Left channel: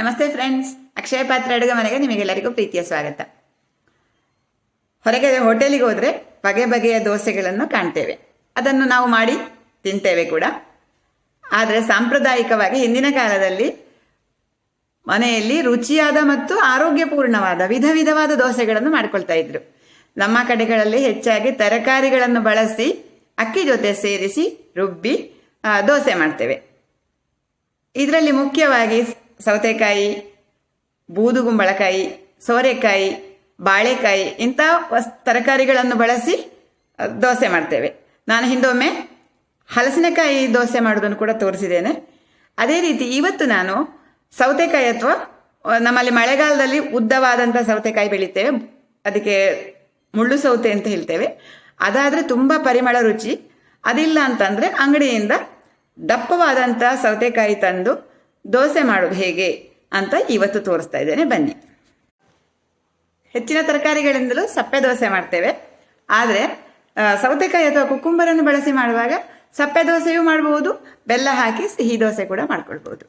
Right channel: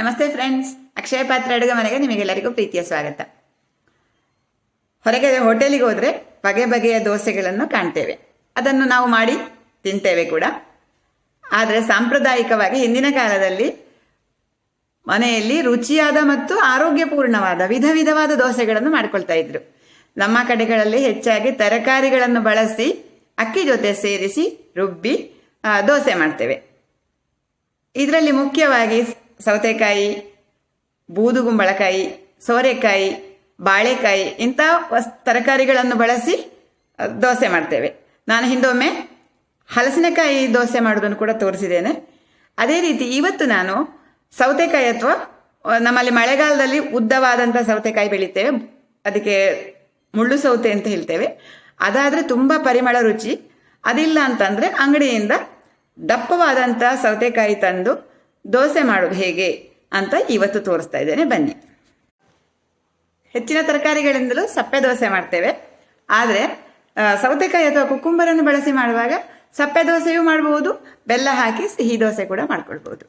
ನಮಸ್ತೆ ಫ್ರೆಂಡ್ಸ್, ಅಕ್ಷಯ ಪಾತ್ರ ಅಡುಗೆ ಮನೆಗೆ ನಿಮಗೆಲ್ಲರಿಗೂ ಪ್ರೀತಿಯ ಸ್ವಾಗತ. ಹೊರಗೆ ಹೋಟೆಲಿಗೆ ಹೋದರೆ ಬಗೆ ಬಗೆಯ ದೋಸೆಗಳನ್ನು ಕಾಣ್ತೇವೆ, ಅದನ್ನು ನಾವು ಮಾಡಿ ತಿಂತೇವೆ ಕೂಡ. ಆದರೆ ಸಾಂಪ್ರದಾಯಿಕವಾಗಿ ಹಿಂದಿನ ಕಾಲದಲ್ಲಿ ಮನೆಯಲ್ಲಿ ರುಚಿಯಾದ ಮತ್ತು ಆರೋಗ್ಯಪೂರ್ಣವಾದ ವಿಧ ವಿಧವಾದ ದೋಸೆಗಳನ್ನು ಮಾಡ್ಕೊಳ್ತಾ ಇದ್ರು. ನಮ್ಮ ಕಡೆಗಳಲ್ಲಿ ಹೆಚ್ಚಾಗಿ ತರಕಾರಿಗಳನ್ನು ಬಳಸಿ ಅಕ್ಕಿ ಜೊತೆ ಸೇರಿಸಿ ರುಬ್ಬಿ ದೋಸೆ ಮಾಡ್ತೇವೆ. ಇದರಲ್ಲಿ ಮುಖ್ಯವಾಗಿ ಸೌತೆಕಾಯಿ, ಬೂದುಗುಂಬಳಕಾಯಿ, ಸೋರೆಕಾಯಿ, ಬಾಳೆಕಾಯಿ ಇಂಥ ತರಕಾರಿಗಳನ್ನು ಬಳಸಿ ದೋಸೆ ಮಾಡ್ತೇವೆ. ನಾನು ಹಿಂದೊಮ್ಮೆ ಹಲಸಿನಕಾಯಿ ದೋಸೆ ಮಾಡೋದನ್ನು ಕೂಡ ತೋರಿಸಿದ್ದೇನೆ. ಅದೇ ರೀತಿ ಇವತ್ತು ನಾನು ಸೌತೆಕಾಯಿ ಅಥವಾ ನಮ್ಮಲ್ಲಿ ಮಳೆಗಾಲದಲ್ಲಿ ಉದ್ದವಾದಂಥ ಸೌತೆಕಾಯಿ ಬೆಳಿತೇವೆ, ಅದಕ್ಕೆ ಮುಳ್ಳು ಸೌತೆ ಅಂತ ಹೇಳ್ತೇವೆ. ಅದಾದರೆ ತುಂಬ ಪರಿಮಳ ರುಚಿ. ಅದಿಲ್ಲ ಅಂತಂದರೆ ಅಂಗಡಿಯಿಂದ ದಪ್ಪವಾದಂಥ ಸೌತೆಕಾಯಿ ತಂದು ದೋಸೆ ಮಾಡೋದು ಹೇಗೆ ಅಂತ ಇವತ್ತು ತೋರಿಸ್ತಾ ಇದ್ದೇನೆ, ಬನ್ನಿ. ಹೆಚ್ಚಿನ ತರಕಾರಿಗಳಿಂದಲೂ ಸಪ್ಪೆ ದೋಸೆ ಮಾಡ್ತೇವೆ, ಆದರೆ ಸೌತೆಕಾಯಿ ಅಥವಾ ಕುಕ್ಕುಂಬರನ್ನು ಬಳಸಿ ಮಾಡುವಾಗ ಸಪ್ಪೆ ದೋಸೆಯೂ ಮಾಡಬಹುದು, ಬೆಲ್ಲ ಹಾಕಿ ಸಿಹಿ ದೋಸೆ ಕೂಡ ಮಾಡ್ಕೊಳ್ಬಹುದು.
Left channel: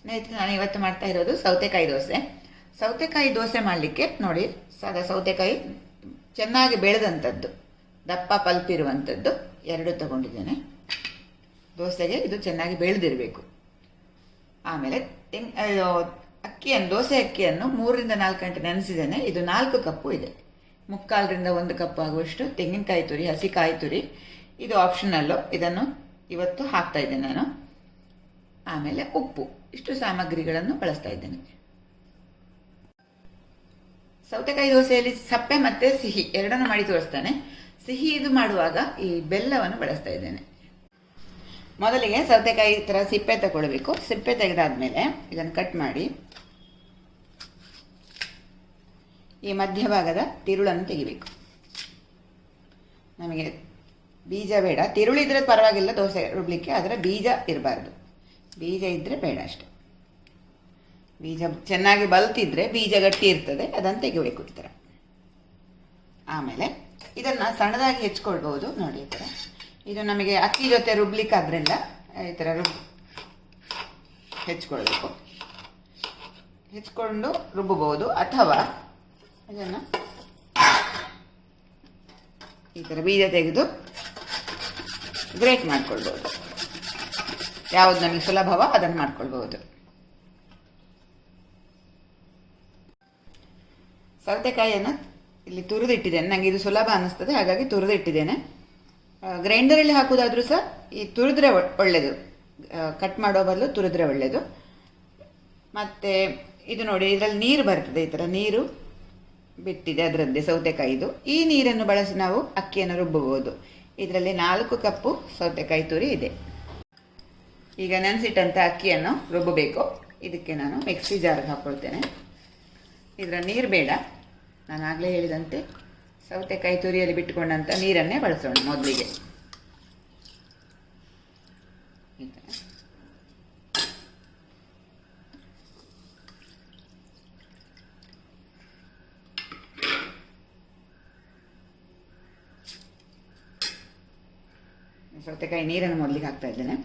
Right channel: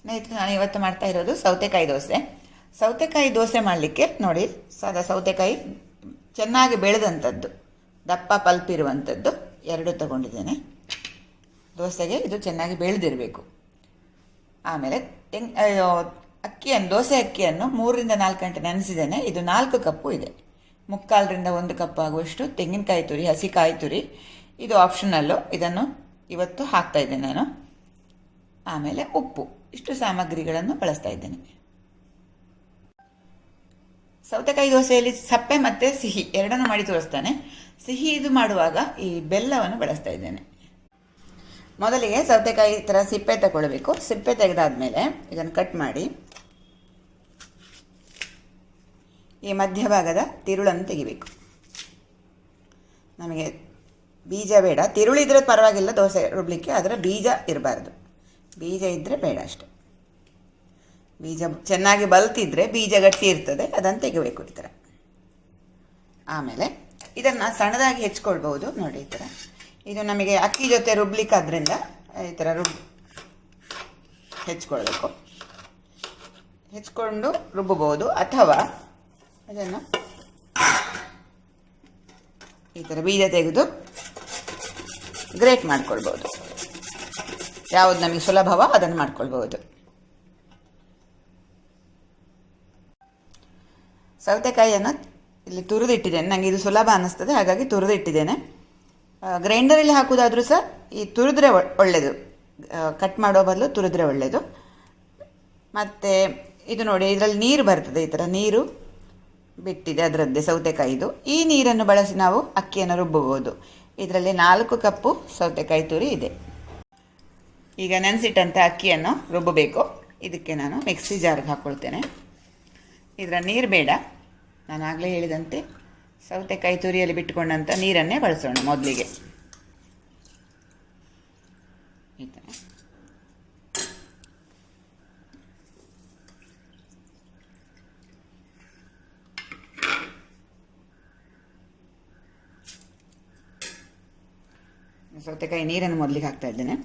ಸ್ನೇಹಿತರೆ, ನಾನು ಇವತ್ತು ಮಾಡ್ತಾ ಇರೋದು ಸೌತೆಕಾಯಿ ದೋಸೆ. ಸೌತೆಕಾಯಿ ದೋಸೆ ಮಾಡಲಿಕ್ಕೆ ನೋಡಿ, ಸಾದಾ ಸೌತೆಕಾಯಿ ಚೆನ್ನಾಗಿ ಬೆಳೆದಂಥದ್ದು, ದಪ್ಪ ಪಲ್ಪ್ ಇರುವಂಥದ್ದು 2 ತಗೊಂಡಿದ್ದೇನೆ. ದೋಸೆಗೆ ಇದು ಚೆನ್ನಾಗಿ ಬೆಳೆದಿರಬೇಕು. ಆಮೇಲೆ ದೋಸೆ ಅಕ್ಕಿಯನ್ನು 3 ರಿಂದ 4 ಗಂಟೆ ನೆನೆಸಿದ್ದೇನೆ. ಇದು 4 ಕಪ್ಪು ಇದೆ. 3/4 ರಿಂದ 1 ಕಪ್ ಆಗುವಷ್ಟು ತೆಂಗಿನಕಾಯಿ ತುರಿ, ಹಸಿ ಕಾಯಿ ತುರಿ. ಇದು ಆಪ್ಷನಲ್ಲು, ಇದನ್ನು ಇವತ್ತು ಹಾಕ್ತಾ ಇದ್ದೇನೆ ನಾನು. ಆಮೇಲೆ ಉಪ್ಪು, ಇಷ್ಟು ಸಾಮಗ್ರಿಗಳನ್ನು ಬಳಸ್ತಾ ಇದ್ದೇನೆ. ಸೌತೆಕಾಯಿ ದೋಸೆಯಲ್ಲಿ ಸಪ್ಪೆ ಮತ್ತು ಸಿಹಿ ಎರಡನ್ನು ಮಾಡಿ ತೋರಿಸ್ತಾನೆ. ಸಿಹಿ ಇದು ಮಾಡುವಾಗ ಈ ಬೆಲ್ಲವನ್ನು ಬಳಸ್ತಾ ಇದ್ದೇನೆ. ಮೊದಲಿಗೆ ಸೌತೆಕಾಯಿ ಥರ ಸಿಪ್ಪೆ ತಗೊಳ್ಬೇಕು. ಸಿಪ್ಪೆ ತೆಗೆದಾದ್ಮೇಲೆ ಇದನ್ನು ಕಟ್ ಮಾಡಿ ಈ ಮಧ್ಯಭಾಗದ ತಿರುಳನ್ನು ತೆಗಿಬೇಕು. ನಮಗೆ ಬೀಜ ಬೇಡ, ತಿರುಳಿದ್ರೆ ಪರವಾಗಿಲ್ಲ ದೋಸೆ ರುಬ್ಲಿಕ್ಕೆ, ಆದರೆ ಬೀಜ ಇರಬಾರ್ದು. ಬೀಜ ಇದ್ದರೆ ಬೇಡ ಅಷ್ಟೆ. ಬೀಜ ಚೆನ್ನಾಗಿ ಬಲ್ತಿದ್ರೆ ಬೀಜ ಗಟ್ಟಿ ಇರ್ತದೆ, ಅದನ್ನು ತೆಗಿಬೇಕು ಈ ಥರ. ಆಮೇಲೆ ಇದನ್ನು ಸಣ್ಣದಾಗಿ ಹೆಚ್ಕೊಳ್ಬೋದು. ನೋಡಿ ಈ ಥರ. ಇದು ನಮಗೆ ಅಕ್ಕಿ ಜೊತೆ ರುಬ್ಲಿಕ್ಕಾದ್ರಿಂದ ಈ ಥರ ಹೆಚ್ಕೊಳ್ಬೇಕು. ಹೆಚ್ಕೊಂಡು ರುಬ್ಬಬಹುದು, ಅಥವಾ ಅದನ್ನು ಈ ಥರ ಬೀಜ ತೆಗೆದು ಗ್ರೇಟ್ ಮಾಡ್ಕೊಳ್ಬೋದು. ಯಾವುದು ನಮಗೆ ಸುಲಭವೋ ಅದನ್ನು ಮಾಡ್ಕೊಳ್ಬೋದು. ಸೌತೆಕಾಯಿಯನ್ನು ಇಲ್ಲಿ ತುರಿದಿಟ್ಟಿದ್ದೇನೆ. ನನಗೆ ಇದು ಸುಲಭ ಅನ್ನಿಸ್ತದೆ, ಹಾಗಾಗಿ ತುರಿದಿಟ್ಟಿದ್ದೇನೆ. ಗ್ರೈಂಡರಲ್ಲಿ ಹಾಕೋದಾದರೂ ಸಹ ಈ ತುರಿದ್ರೆ ಒಳ್ಳೆಯದು, ಕಟ್ ಮಾಡೋ ಬದಲು ತುರಿದ್ರೆ ಒಳ್ಳೆಯದು. ಮತ್ತು ಇದು ನೋಡಿ, ಇದರಲ್ಲಿ ನೀರು ಬರ್ತದೆ, ಈ ಥರ ನೀರು ಬಿಟ್ಟಿದೆ ಅದರದ್ದೇ ಸೌತೆಕಾಯಿದು. ಈ ನೀರನ್ನು ಬಳಸಿ ನಾವು ಅಕ್ಕಿಯನ್ನು ರುಬ್ಬಬಹುದು. ಇದರಲ್ಲಿ 4 ಕಪ್ಪು ಸೌತೆಕಾಯಿ ತುರಿ ಇದೆ. ಈಗ ನೆನೆಸಿಟ್ಟಂಥ ಅಕ್ಕಿಯನ್ನು ರುಬ್ಬಬೇಕು. ಇದಕ್ಕೆ ನಾನು ಮಿಕ್ಸಿ ಜಾರ್ಗೆ ಹಾಕ್ಕೊಳ್ತೇನೆ. ಇದರ ನೀರು ಬೇಡ, ನಾನು ಆಗಲೇ ಹೇಳಿದಂತೆ ಸೌತೆಕಾಯಿ ತುರಿಯಲ್ಲಿ ಬಿಟ್ಟುಕೊಂಡಂಥ ನೀರನ್ನೇ ಬಳಸೋಣ ಮೊದಲಿಗೆ. ಸೌತೆಕಾಯಿ ನೀರನ್ನು ಮೊದಲಿಗೆ ಹಾಕ್ತಾ ಇದ್ದೇನೆ.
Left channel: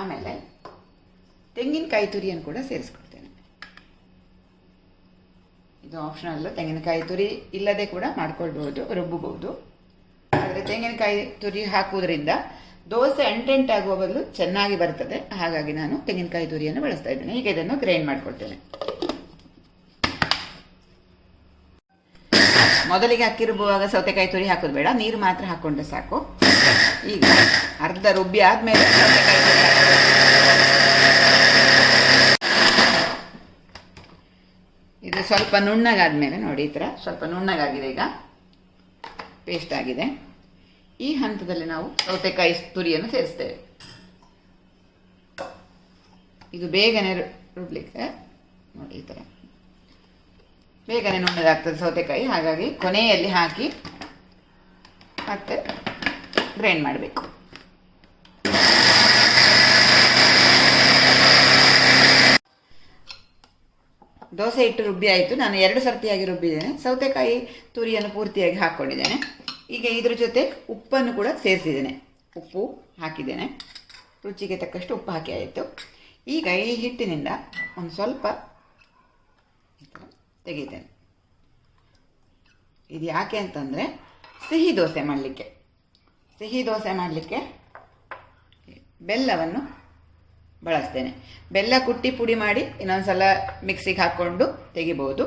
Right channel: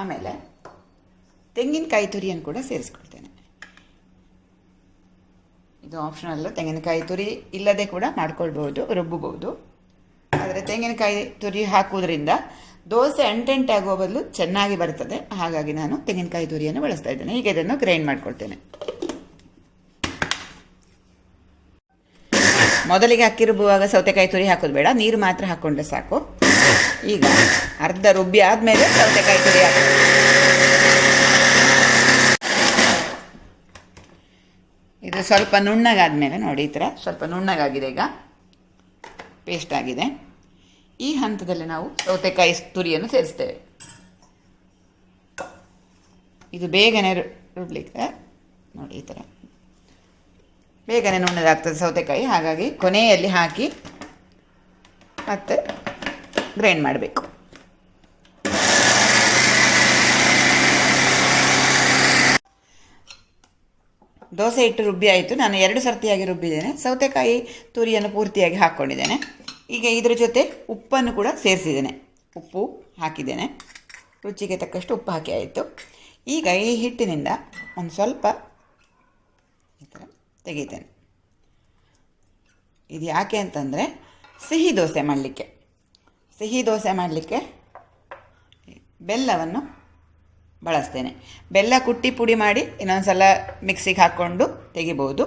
ಆಮೇಲೆ ತೆಂಗಿನಕಾಯಿ ತುರಿಯನ್ನು ಕೂಡ ಸೇರಿಸ್ಕೊಳ್ತೇನೆ. ಇದು ಆಪ್ಷನಲ್ಲು, ತೆಂಗಿನಕಾಯಿ ತುರಿ ಇಲ್ಲದೆ ಕೂಡ ಮಾಡ್ಕೊಳ್ಬೋದು, ರುಬ್ಬಬಹುದು. ಆದರೆ ತೆಂಗಿನಕಾಯಿ ತುರಿ ಹಾಕುವುದರಿಂದ ದೋಸೆ ಅಂಟೆಂಟಾಗುವ ಬದಲು ಚೆನ್ನಾಗಿ ಬರ್ತದೆ. ಹಾಗಾಗಿ ನಾನು ತೆಂಗಿನಕಾಯಿ ತುರಿಯನ್ನು ಬಳಸ್ತಾ ಇದ್ದೇನೆ. ಈಗ ಇದನ್ನು ಗ್ರೈಂಡ್ ಮಾಡ್ಕೊಳ್ತೇನೆ. ಮೊದಲಿಗೆ ಅಕ್ಕಿ ರುಬ್ಬುವಾಗ ಸೌತೆಕಾಯಿ ತುರಿ ಹಾಕೋದು ಬೇಡ, ನೀರು ಮಾತ್ರ ಹಾಕ್ಕೊಂಡ್ರೆ ಸಾಕು. ಈಗ ಅರ್ಧ ರುಬ್ಬಿ ಆದಮೇಲೆ ಸೌತೆಕಾಯಿ ತುರಿ ಹಾಕೋದು. ಇದು ಸ್ವಲ್ಪ ನುಣ್ಣಗಾದ್ಮೇಲೆ ನೋಡಿ, ಈ ಥರ ಸ್ವಲ್ಪ ನುಣ್ಣಗಾಗಿದೆ, ಈಗ ಪೇಸ್ಟ್ ಆಗಿದೆ. ಈ ಹಂತದಲ್ಲಿ ನಾವು ಸೌತೆಕಾಯಿ ತುರಿಯನ್ನು ಸೇರಿಸ್ತೇವೆ. ಇದು ಬೇಗನೆ ರುಬ್ಲಿಕ್ಕೆ ನೋಡಿ, ಈ ಥರ ಬೇಗನೆ ನುಣ್ಣದಾಗ್ತದೆ ಸೌತೆಕಾಯಿ. ಹಾಗಾಗಿ ಕೊನೆಯಲ್ಲಿ ಹಾಕಿ ಮತ್ತೆ ಗ್ರೈಂಡ್ ಮಾಡಬೇಕು. ದೋಸೆ ಹಿಟ್ಟು ರುಬ್ಬಿ ಆಯಿತು. ನಾನು 2 ಸರ್ತಿಯಾಗಿ ರುಬ್ಬಿದ್ದೇನೆ. ಸೌತೆಕಾಯಿ ತುರಿಯನ್ನು ಪೂರ್ತಿಯಾಗಿ ಹಾಕ್ಕೊಂಡಿದ್ದೇನೆ. ಈಗ ಇದರ ಜೊತೆ ಉಪ್ಪನ್ನು ಕೂಡ ಸೇರಿಸಿದ್ದೇನೆ. ಉಪ್ಪು ಹಾಕಿದ್ದೇನೆ, ರುಚಿಗೆ ತಕ್ಕಷ್ಟು ಉಪ್ಪು ಹಾಕಿ ಆಯಿತು. ಈಗ ಈ ಹಿಟ್ಟಿನಿಂದ ಒಂದು ಸ್ವಲ್ಪ ಈ ಥರ ತೆಗಿತೇನೆ. ಇದು ಯಾಕೆ ಅಂತಂದರೆ ಸಿಹಿ ದೋಸೆ ಮಾಡಲಿಕ್ಕೆ ಬೆಲ್ಲವನ್ನು ಬಳಸ್ತೇನೆ. ಬೆಲ್ಲ ಕುಟ್ಟಿ ಪುಡಿ ಮಾಡಿ ಇನ್ನೊಂದು ಸಲ ಮಿಕ್ಸಿಗೆ ಹಾಕ್ಕೊಂಡು ತೆಗಿಬೋದು,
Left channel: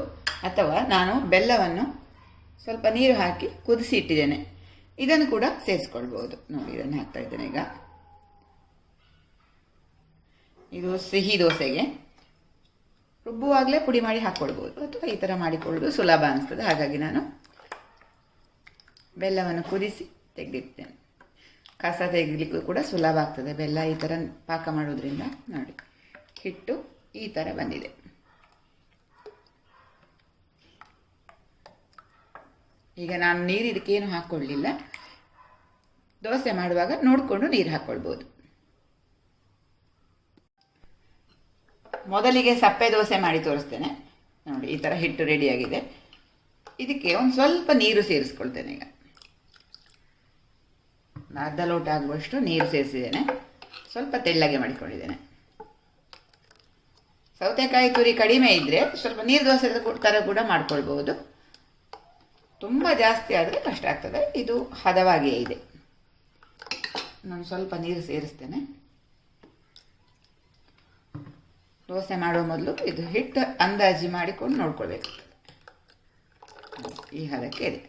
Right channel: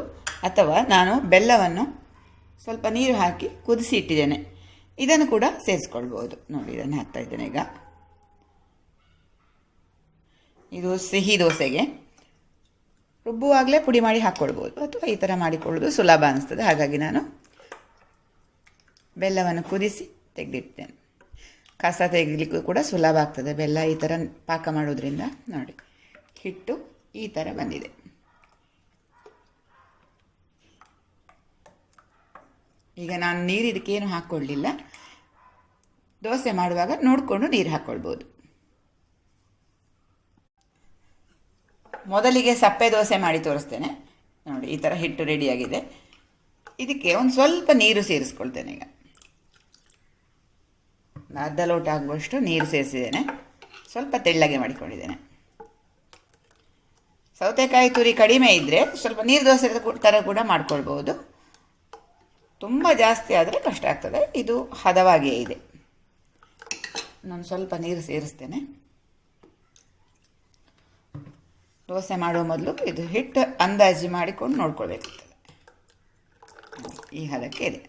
ಅಥವಾ ನಾನು ಬೆಲ್ಲವನ್ನು ಸ್ವಲ್ಪ ನೀರು ಹಾಕಿ ಕುದಿಸಿ ಇಟ್ಟಿದ್ದೇನೆ, ಇದನ್ನು ಕೂಡ ಸೇರಿಸ್ಕೊಳ್ಬೋದು. ನೋಡಿ, ಇದನ್ನು ಹಾಕ್ತಾ ಇದ್ದೇನೆ. ಈಗ ಇದು ಸಿಹಿ ದೋಸೆಗೆ ರುಬ್ಬುವಾಗಲೇ ಪುಡಿ ಮಾಡಿ ಹಾಕ್ಕೊಳ್ಬೋದು, ಅಥವಾ ಈ ಥರ ಮಾಡಿಕೊಳ್ಳೋದು ಸುಲಭ ಅನಿಸ್ತದೆ. ಹಾಗಾಗಿ ನಾನು ಬೆಲ್ಲವನ್ನು ಕುದಿಸಿ ತೆಗೆದಿರ್ತೇನೆ. ಕಸ ತೆಗಿಲಿಕ್ಕೂ ಕೂಡ ಸುಲಭ ಆಗ್ತದೆ ಬೆಲ್ಲ ಈ ಥರ ಪಾಕ ಮಾಡೋದ್ರಿಂದ. ನೋಡಿ, ಹಿಟ್ಟು ಈ ಥರ ಬಂದಿದೆ. ಈಗ ನಾನು ನೀರು ಇದಕ್ಕೇನು ಹಾಕ್ಕೊಳ್ಳಿಲ್ಲ, ದೋಸೆ ಮಾಡುವಾಗ ನೋಡಿಕೊಂಡು ನೀರು ಹಾಕ್ಕೊಳ್ಬೋದು. ಮೊದಲಿಗೆ ಸಪ್ಪೆ ದೋಸೆ ಮಾಡಿ ತೋರಿಸ್ತೇನೆ. ನೋಡಿ, ಈ ಥರ ಹಿಟ್ಟು ರೆಡಿಯಾಗಿದೆ. ಇದಕ್ಕೆ ಒಂದು ಸ್ವಲ್ಪ ನೀರು ಸೇರಿಸ್ಕೊಳ್ತೇನೆ. ಈಗ ಅರ್ಧ ಲೋಟ ಆಗುವಷ್ಟು ನೀರು ಸೇರಿಸಿದ್ದೇನೆ, ಸ್ವಲ್ಪ ತೆಳ್ಳಗೆ ಮಾಡಿಕೊಂಡಿದ್ದೇನೆ. ಸೌತೆಕಾಯಿ ತುರಿ ಕಡಿಮೆ ಇದ್ದರೆ ಸ್ವಲ್ಪ ನೀರು ದೋಸೆ ಥರ ಕೂಡ ಮಾಡ್ಕೊಳ್ಬೋದು. ತುಂಬ ಜಾಸ್ತಿ ಆದರೆ ಕಷ್ಟ ಆಗ್ತದೆ. ಇದು ಹದವಾಗಿಯೇ ಇದೆ. ನಾನು ಸ್ವಲ್ಪ ನೀರು ಸೇರಿಸ್ತೇನೆ. ದೋಸೆ ಮಾಡುವ ಮೊದಲು ಇದು ಹಿಟ್ಟು ಅಂದಾಜು ಮಾಡಿಕೊಂಡು ನೋಡ್ಕೊಳ್ಬೇಕಾಗ್ತದೆ. ಈ ಹದಕ್ಕೆ ಇದೆ.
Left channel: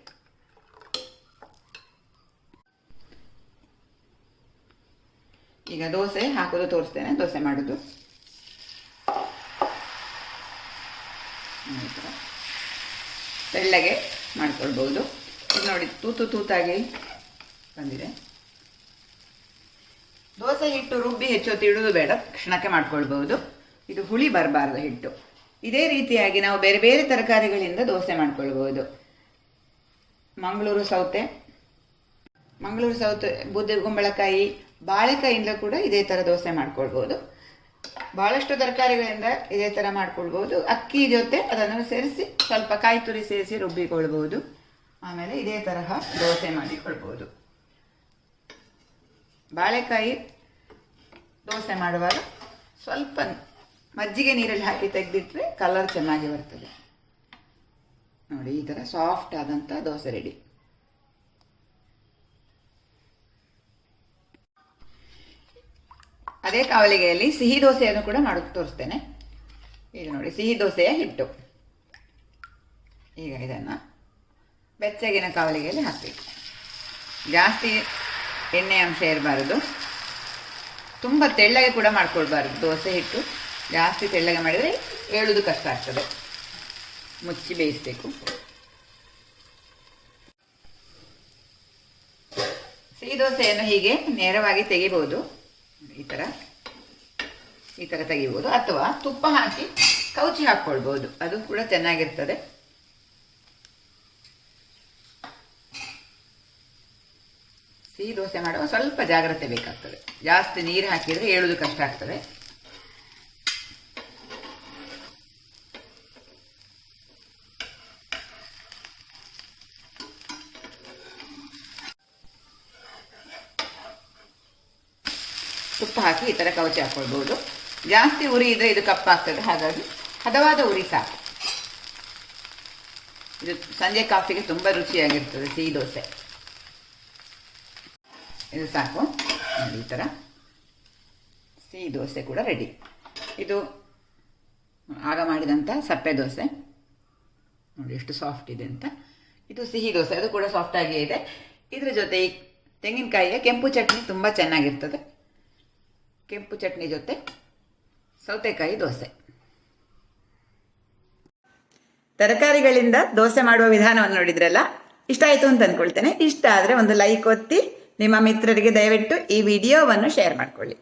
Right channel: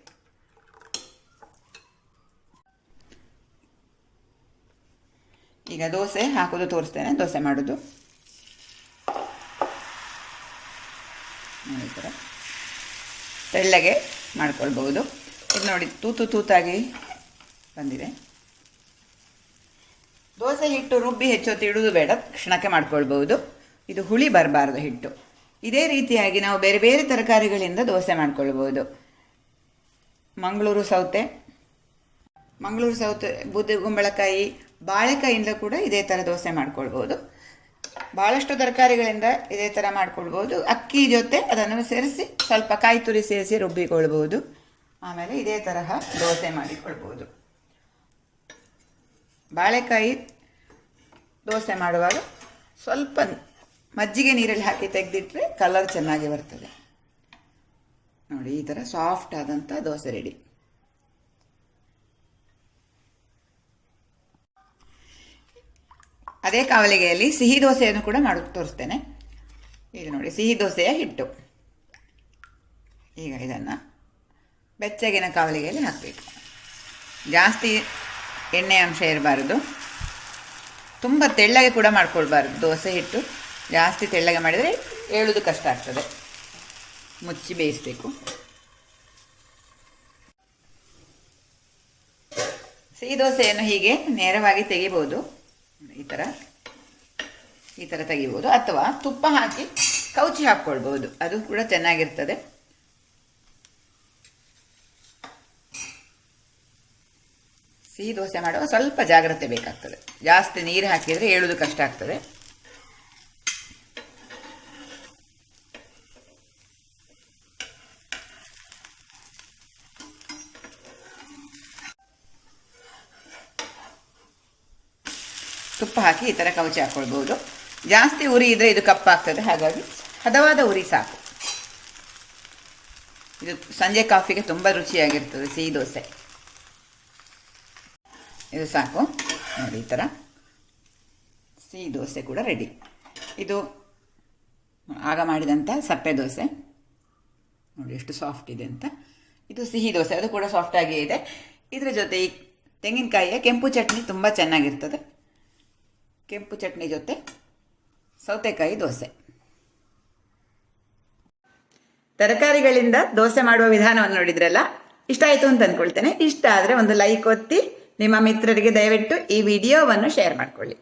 ಈಗ ದೋಸೆ ಹಾಕೋದು ತೋರಿಸ್ತೇನೆ. ದೋಸೆ ಮಾಡೋದು ಈ ಥರ ತೆಳ್ಳಗೆ ಮಾಡ್ಕೊಳ್ಬೋದು. ಇದು ನೋಡಿ, ತೂತಾಗಿ ಬಂದಿದೆ. ದೋಸೆ ಹಿಟ್ಟು ರುಬ್ಬಿ ಹೆಚ್ಚೊತ್ತು ಇಡೋದು ಬೇಡ, ಕ್ಷಣಕ್ಕೆ ಮಾಡ್ಕೊಳ್ಬೋದು. ಇದು ಹುಳಿ ಬರಬಾರ್ದು ಹಿಟ್ಟು. ಇದೇ ರೀತಿಯಾಗಿ ನಾವು ಬೇರೆ ಬೇರೆ ತರಕಾರಿಗಳಿಂದ ದೋಸೆ ಮಾಡ್ಕೊಳ್ಬೋದು. ಮಂಗಳೂರು ಸೌತೆ, ಬೂದಿ ಕುಂಬಳಕಾಯಿ, ಬಾಳೆಕಾಯಿಂದ ಕೂಡ ಇದೇ ಥರ ದೋಸೆ ಮಾಡ್ಕೊಳ್ಬೋದು. ಭಾಳಷ್ಟು ತರಕಾರಿಗಳಿಂದ ಇದೇ ಥರ ಮಾಡ್ಕೊಳ್ಬೋದು. ಅಕ್ಕಿ ಜೊತೆ ಅದನ್ನು ಸೇರಿಸಿ ಸ್ವಲ್ಪ ಕಾಯಿ ತುರಿ ಸೇರಿಸಿ ರುಬ್ಬಿಕೊಳ್ಬೋದು. ಆಮೇಲೆ ಇದೇ ತರಹ ದೋಸೆ ಮಾಡಿಕೊಳ್ಬೋದು. ಬಾಳೆಕಾಯಿ ದೋಸೆ ಮಾಡುವಾಗ ಸ್ವಲ್ಪ ಮಜ್ಜಿಗೆ ನೀರಲ್ಲಿ ಹಾಕಿ ತೆಗೆದಿಟ್ಟರೆ ಕಲರ್ ಚೆನ್ನಾಗಿ ಬರ್ತದೆ. ನೋಡಿ, ಈ ಥರ ಸಾಫ್ಟ್ ಆದಂಥ ದೋಸೆ ರೆಡಿ. ಅದೇ ಕಾವಲಿಗೆಯಲ್ಲಿ ಸಿಹಿ ದೋಸೆಯನ್ನು ಕೂಡ ಮಾಡೋದು ತೋರಿಸ್ತೇನೆ. ಈಗ ನೋಡಿ, ಸಿಹಿ ದೋಸೆಯ ಹಿಟ್ಟು. ಈಗ ಇದನ್ನು ಬೆಚ್ಚಗಿನ ಕಾವಲಿಗೆಯಲ್ಲಿ ಹಾಕಬೇಕು. ಜಾಸ್ತಿ ಎಣ್ಣೆ ಅಂಶ ಇರಬಾರ್ದು, ತುಂಬ ತೆಳ್ಳಗೆ ಕೂಡ ಮಾಡ್ಕೊಳ್ಬಾರ್ದು. ದೋಸೆ ಹಿಟ್ಟು ಜಾಸ್ತಿ ತೆಳ್ಳಗೆ ಮಾಡಿದರೆ ಏಳೋದು ಕಷ್ಟ ಆಗ್ತದೆ. ಮುಚ್ಚಿ ಬೇಯಿಸಬೇಕು. ಸಿಹಿ ದೋಸೆಯನ್ನು ಹೀಗೆ ನೇರವಾಗಿ ತೆಗಿಬೋದು. ಈ ಥರ ತೆಗಿಬೋದು, ಅಥವಾ ತುಪ್ಪ ಹಾಕಿ ಕೌಚಿ ಹಾಕ್ಕೊಳ್ಬೋದು, ಅದು ಕೂಡ ಚೆನ್ನಾಗಿರ್ತದೆ. ಸಿಹಿ ದೋಸೆ ಮಾಡುವಾಗ ಸ್ವಲ್ಪ ಜಾಗ್ರತೆ ಬೇಕಾಗ್ತದೆ. ಜಾಸ್ತಿ ನೀರು ಹಾಕಿದರೆ ಏಳೋದು ಕಷ್ಟ ಆಗ್ತದೆ. ತುಪ್ಪ ಹಾಕಿ ಈ ಥರ ಕವಚಿ ಹಾಕ್ಕೊಳ್ಬೋದು. ಜಾಸ್ತಿ ಉರಿ ಇದ್ದರೆ ಇದು ಕಪ್ಪಾಗ್ತದೆ, ಹಾಗಾಗಿ ಹದವಾದ ಉರಿ ಸಾಕು. ಇದು ಸಂಜೆ ಕಾಫಿಗೆ ತುಂಬ ರುಚಿಯಾಗಿರ್ತದೆ ಸಿಹಿ ದೋಸೆ. ಇದು ಸಾಕು. ನೋಡಿ, ಈ ಥರ ಸಿಹಿ ದೋಸೆ ಕೂಡ ರೆಡಿ. ಇದು ಆಗ ಮಾಡಿದಂಥ ಸಪ್ಪೆ ದೋಸೆ. ನೋಡಿ ಎಷ್ಟು ಸಾಫ್ಟ್ ಇದೆ ಅಂತ. ಇದು ಸಿಹಿ ದೋಸೆ, ಅದು ಕೂಡ ಸಾಫ್ಟಾಗಿಯೇ ಇದೆ. ಇದರ ಜೊತೆ ಈ ತೆಂಗಿನಕಾಯಿಯ ಕೆಂಪು ಚಟ್ನಿ ತುಂಬ ಚೆನ್ನಾಗಿರ್ತದೆ. ಕೆಂಪು ಚಟ್ನಿ ಜೊತೆ ಸೌತೆಕಾಯಿ ದೋಸೆ. ತರಕಾರಿಗಳಿಂದ ದೋಸೆ ಮಾಡುವ ವಿಧಾನವನ್ನು ನೋಡಿದ್ರಲ್ಲ, ಇಷ್ಟ ಆಯಿತು ಅಂತ ಅಂದ್ಕೊಳ್ತೇನೆ. ಇಷ್ಟ ಆದರೆ ಒಂದು ಲೈಕ್ ಒತ್ತಿ, ನಿಮ್ಮ ಮಿತ್ರರಿಗೆ ದಯವಿಟ್ಟು ಈ ವಿಡಿಯೋವನ್ನು ಶೇರ್ ಮಾಡಿಕೊಳ್ಳಿ.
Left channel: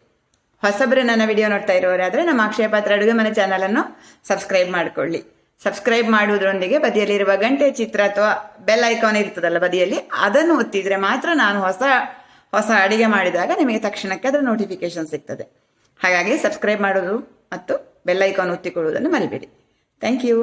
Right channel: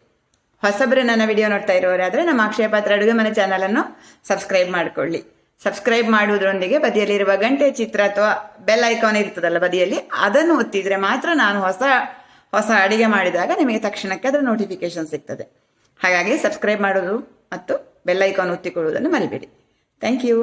ಹೊಸಬರು ನನ್ನ ವಿಡಿಯೋ ನೋಡ್ತಾ ಇರೋರಾದರೆ ನಮ್ಮ ಅಕ್ಷಯ ಪಾತ್ರ ಅಡುಗೆ ಮನೆ ಚಾನಲನ್ನು ಸಬ್ಸ್ಕ್ರೈಬ್ ಮಾಡಿಕೊಳ್ಳಿ. ಸಬ್ಸ್ಕ್ರೈಬ್ ಮಾಡುವುದರೊಂದಿಗೆ ಬದಿಯಲ್ಲಿರುವ ಗಂಟೆ ಚಿತ್ರ ಅಥವಾ ಬೆಲ್ ಐಕಾನ್ ಇರ್ತದಲ್ಲ ಬದಿಯಲ್ಲಿ, ಅದನ್ನು ಒತ್ತಿದರೆ ಮಾತ್ರ ನಾನು ಹೊಸ ಅಡಿಗೆ ಮಾಡಿದಾಗ ನಿಮಗೆ ತಕ್ಷಣಕ್ಕೆ ಅದರ ನೋಟಿಫಿಕೇಶನ್ ಸಿಗ್ತದೆ. ಹಾಗಾಗಿ ಸಬ್ಸ್ಕ್ರೈಬ್ ಮಾಡೋದು ಮತ್ತು ಬೆಲ್ ಐಕಾನ್ ಒತ್ತಿಕೊಳ್ಳುವುದನ್ನು ಮರಿಬೇಡಿ. Thank you.